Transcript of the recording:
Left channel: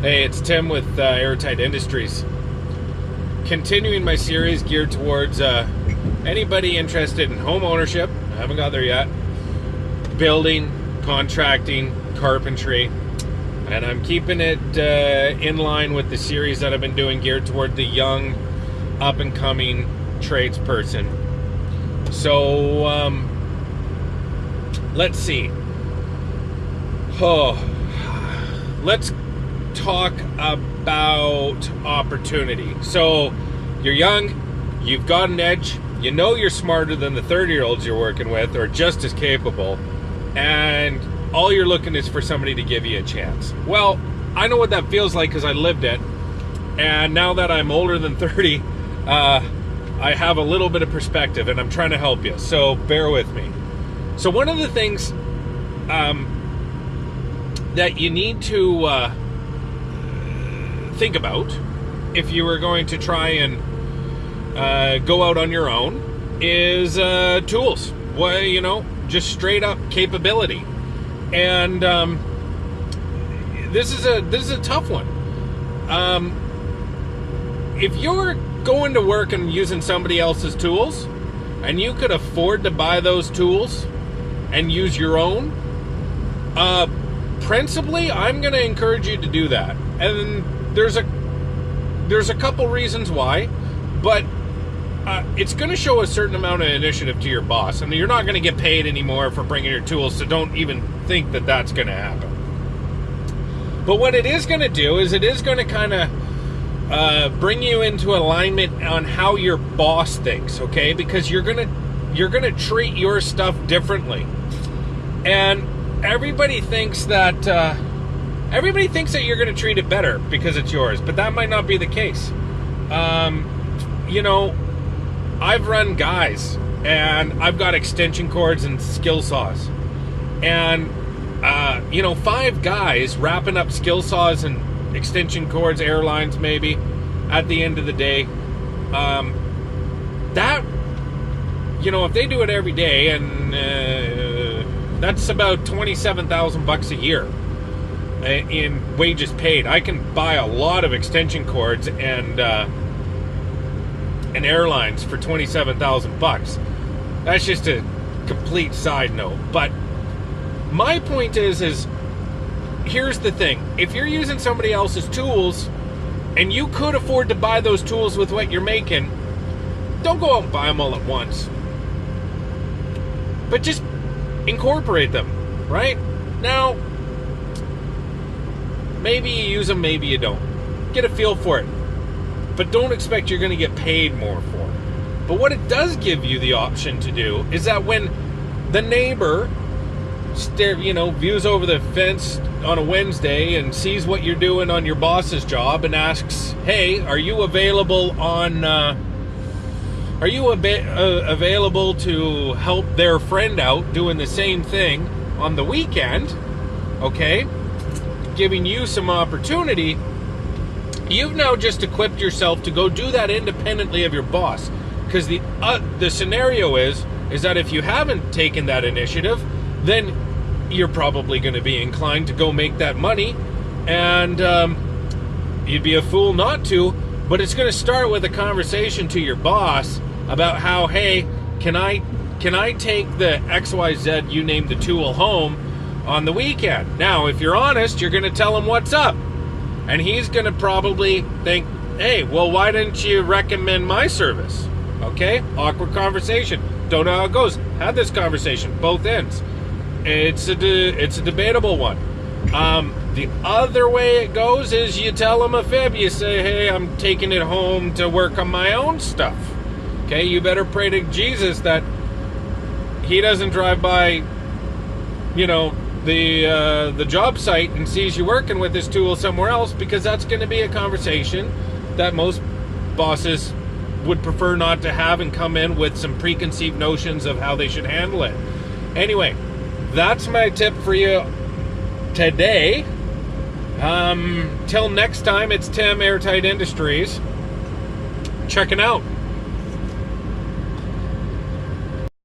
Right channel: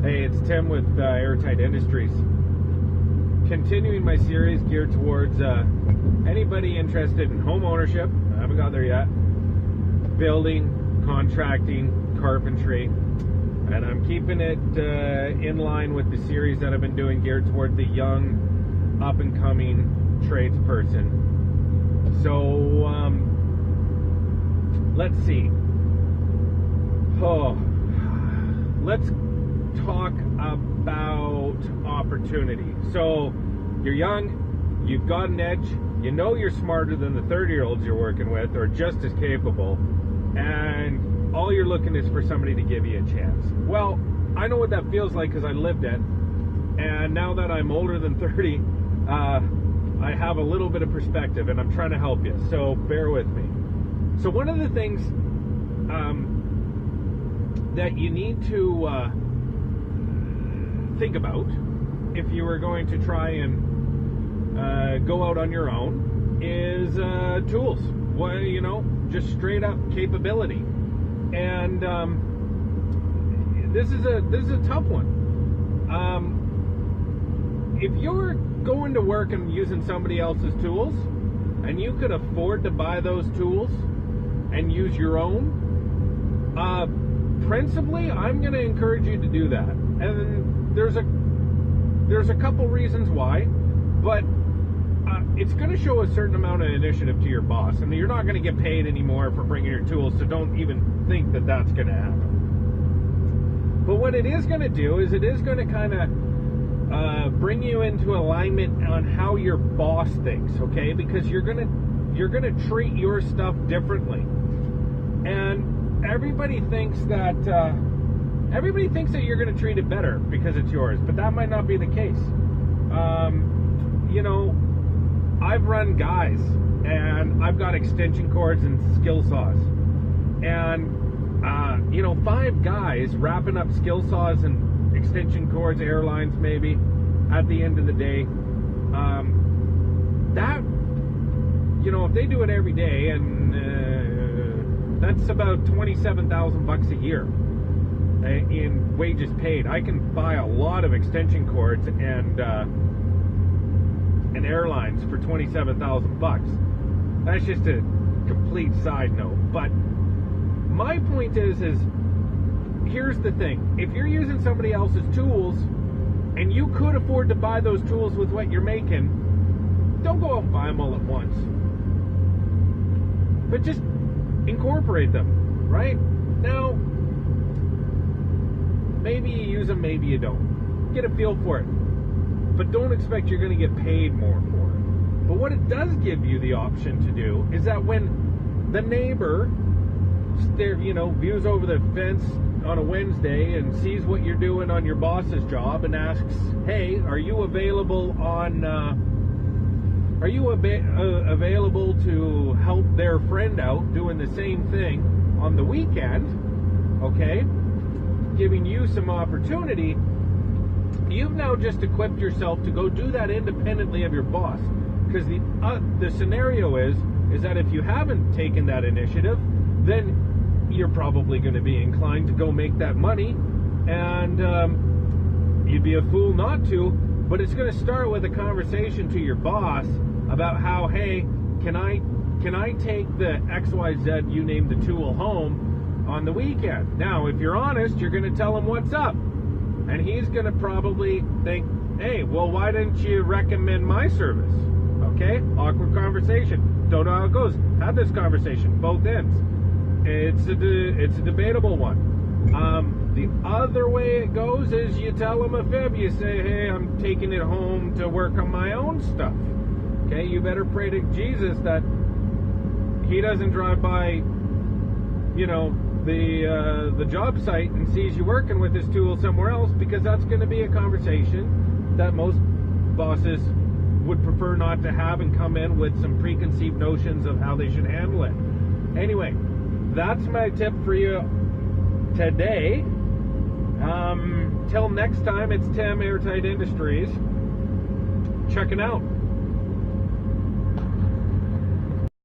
Hey, it's Tim with Airtight Industries. Continuing my series geared towards anybody interested in home ownership. I haven't got there yet. Building, contracting, carpentry. And I'm keeping it in line with the series that I've been doing geared toward the young, up-and-coming tradesperson. So, let's see. Let's talk about opportunity. So you're young, you've got an edge, you know you're smarter than the 30-year-olds you're working with, or just as capable, and all you're looking is for somebody to give you a chance. Well, I know what that feels like because I lived it, and now that I'm older than 30, I have a little bit of perspective, and I'm trying to help you, so bear with me. So one of the things that you need to think about if you were going to try and go out on your own is tools. Well, you know, just straight up capability. And this is a tough one. If you're going to work and using somebody else's tools, and you could afford to buy those tools and use your own, principally, I'm going to encourage you to do that. And there's a couple reasons why, but it's going to show a certain amount of initiative to your boss, and you're not going to get paid anymore for bringing your tools, so don't even think that that's going to happen. But what it is going to do is it is going to kind of bring you into alignment on how your boss thinks, okay? Because you're going to treat your stuff differently, and everybody thinks that you're going to treat it better because it's yours, but that might not be the case. You know, I've run guys, and I've got extension cords and skill saws, and you know, 5 guys wrapping up skill saws and extension cords, airlines maybe, at the end of the day, that, you know, if they do it every day, and that's about $27,000 a year in wages paid. I can buy a lot of extension cords and airlines for $27,000. That's just a complete side note. But my point is here's the thing: if you're using somebody else's tools and you could afford to buy those tools with what you're making, don't go out and buy them all at once, but just incorporate them. Right now, maybe you use them, maybe you don't. Get a feel for it. But don't expect you're going to get paid more for it. But what it does give you the option to do is that when the neighbor views over the fence on a Wednesday and sees what you're doing on your boss's job and asks, hey, are you available available to help their friend out doing the same thing on the weekend, okay, giving you some opportunity, you've now just equipped yourself to go do that independently of your boss. Because the scenario is that if you haven't taken that initiative, then you're probably going to be inclined to go make that money, and you'd be a fool not to. But it's going to start with a conversation to your boss about how, hey, can I take the XYZ, you name the tool, home on the weekend? Now, if you're honest, you're going to tell him what's up. And he's going to probably think, hey, well, why didn't you recommend my service? Okay, awkward conversation. Don't know how it goes. Had this conversation, both ends. It's a debatable one. The other way it goes is you tell him a fib. You say, hey, I'm taking it home to work on my own stuff. Okay, you better pray to Jesus that he doesn't drive by, you know, the job site and sees you working with this tool somewhere else, because that's going to be a conversation that most bosses would prefer not to have and come in with some preconceived notions of how they should handle it. Anyway, that's my tip for you today. Till next time, it's Tim, Airtight Industries, checking out.